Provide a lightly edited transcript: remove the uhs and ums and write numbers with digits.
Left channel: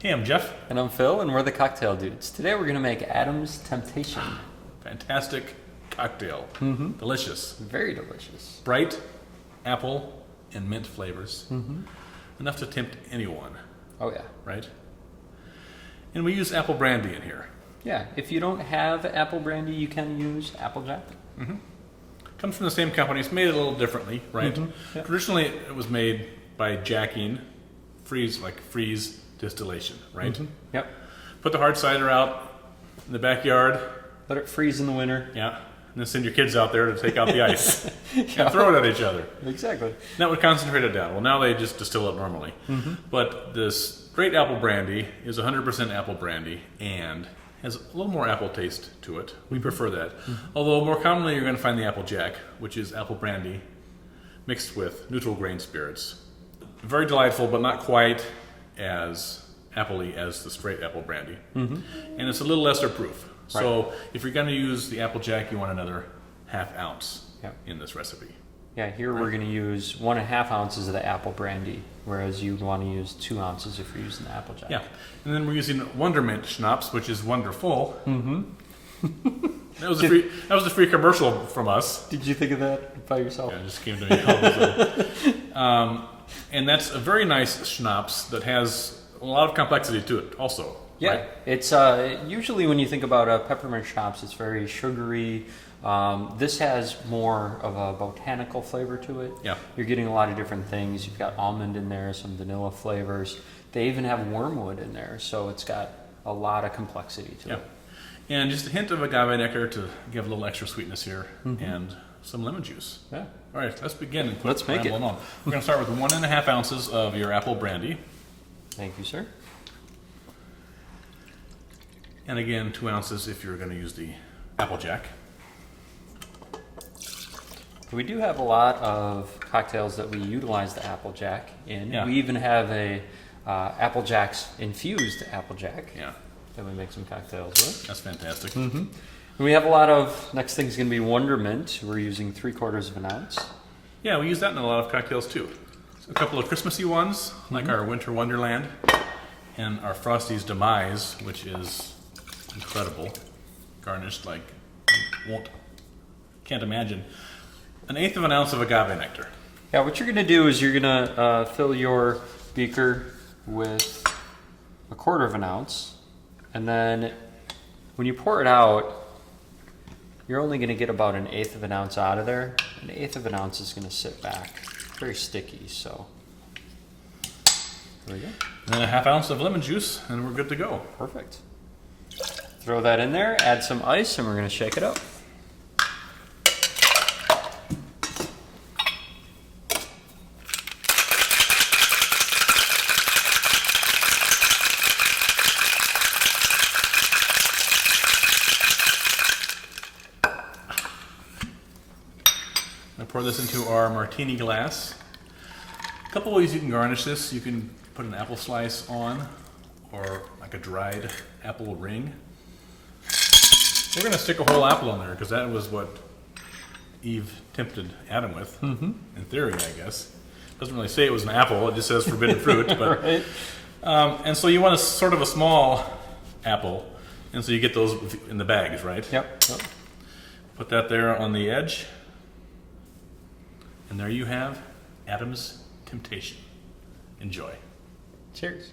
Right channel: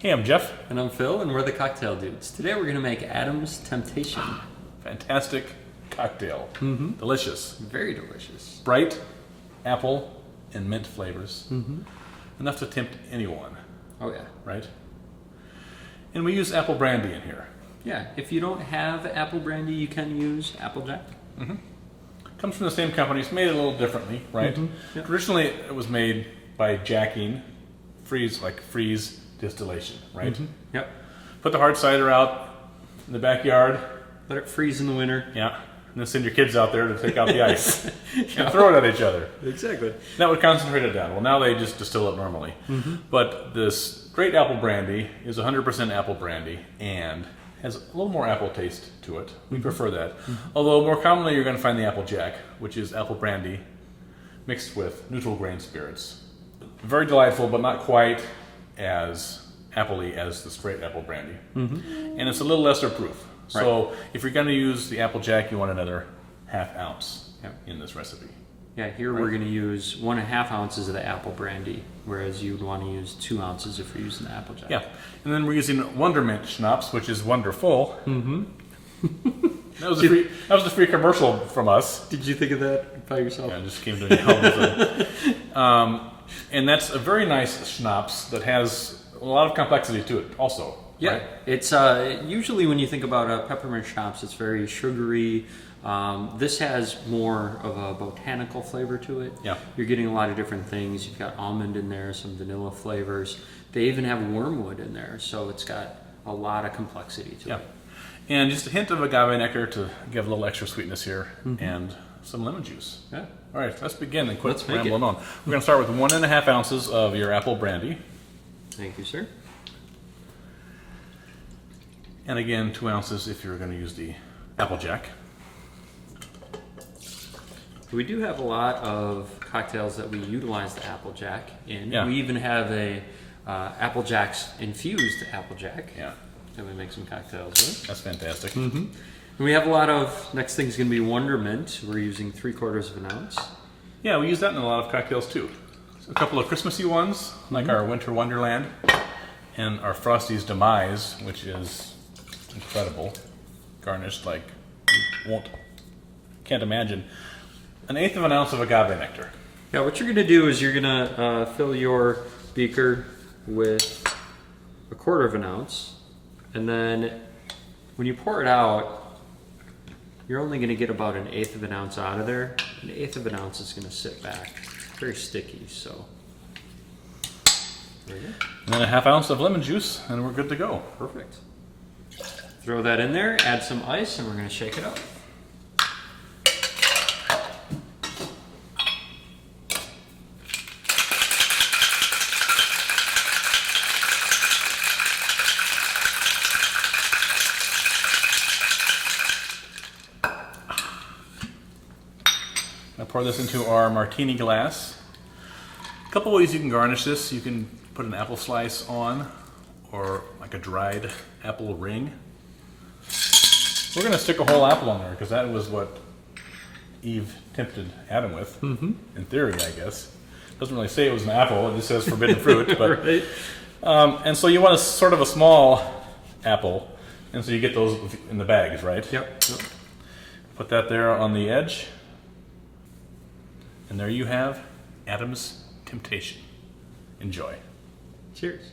Hey, I'm Jeff. And I'm Phil, and we're the Cocktail Dudes. Today we're going to make Adam's Temptation. Fantastic cocktail. Delicious. Very delicious. Bright apple and mint flavors. Enough to tempt anyone, Oh yeah. right? And we use apple brandy in here. Yeah, if you don't have apple brandy, you can use Applejack. Comes from the same company. It's made a little differently, right? Yep. Traditionally, it was made by jacking, freeze distillation, right? Yep. Put the hard cider out in the backyard. Let it freeze in the winter. Yeah. And then send your kids out there to take out the ice and throw it at each other. Exactly. That would concentrate it down. Well, now they just distill it normally. But this great apple brandy is 100% apple brandy and has a little more apple taste to it. We prefer that. Although more commonly you're going to find the Applejack, which is apple brandy mixed with neutral grain spirits. Very delightful, but not quite as appley as the straight apple brandy. And it's a little lesser proof. So if you're going to use the Applejack, you want another ½ ounce in this recipe. Yeah, here we're going to use 1.5 ounces of the apple brandy, whereas you'd want to use 2 ounces if you're using the Applejack. Yeah, and then we're using Wondermint Schnapps, which is wonderful. That was a free commercial from us. Did you think of that by yourself? Yeah, it just came to me all of a sudden. And that's a very nice schnapps that has a lot of complexity to it also. Yeah, right? it's usually when you think about peppermint schnapps, it's very sugary. This has more of a botanical flavor to it. Yeah. You're getting a lot of different things. You've got almond in there, some vanilla flavors. They even have wormwood in there, so it's got a lot of complexity to it. And just a hint of agave nectar to give a little extra sweetness here, and some lemon juice. Yeah. All right, let's begin and quit Let's make rambling it. on. We're going to start with 1.5 ounces of your apple brandy. Thank you, sir. And again, 2 ounces if you're going to use the Applejack. We do have a lot of cocktails that we utilize the Applejack in. Yeah. We even have a Applejack's infused Applejack Yeah, that we make some cocktails with. that's fantastic. And we have a lot of, next thing's going to be Wondermint. We're using 3/4 of an ounce. Yeah, we use that in a lot of cocktails too. A couple of Christmassy ones, like our Winter Wonderland and our Frosty's Demise, which is incredible. Garnished like you can't imagine. 1/8 of an ounce of agave nectar. Yeah, what you're going to do is you're going to fill your beaker with 1/4 of an ounce, and then when you pour it out, you're only going to get about 1/8 of an ounce out of there. 1/8 of an ounce is going to sit back. Very sticky, so there we go. And then 1/2 ounce of lemon juice, and we're good to go. Perfect. Throw that in there, add some ice, and we're going to shake it up. I'll pour this into our martini glass. A couple ways you can garnish this. You can put an apple slice on, or like a dried apple ring. We're going to stick a whole apple on there because that was what Eve tempted Adam with, in theory, I guess. Doesn't really say it was an apple, it just says forbidden fruit. But, Right. and so you want a sort of a small apple, and so you get those in the bags, right? Yep. Put that there on the edge. And there you have Adam's Temptation. Enjoy. Cheers.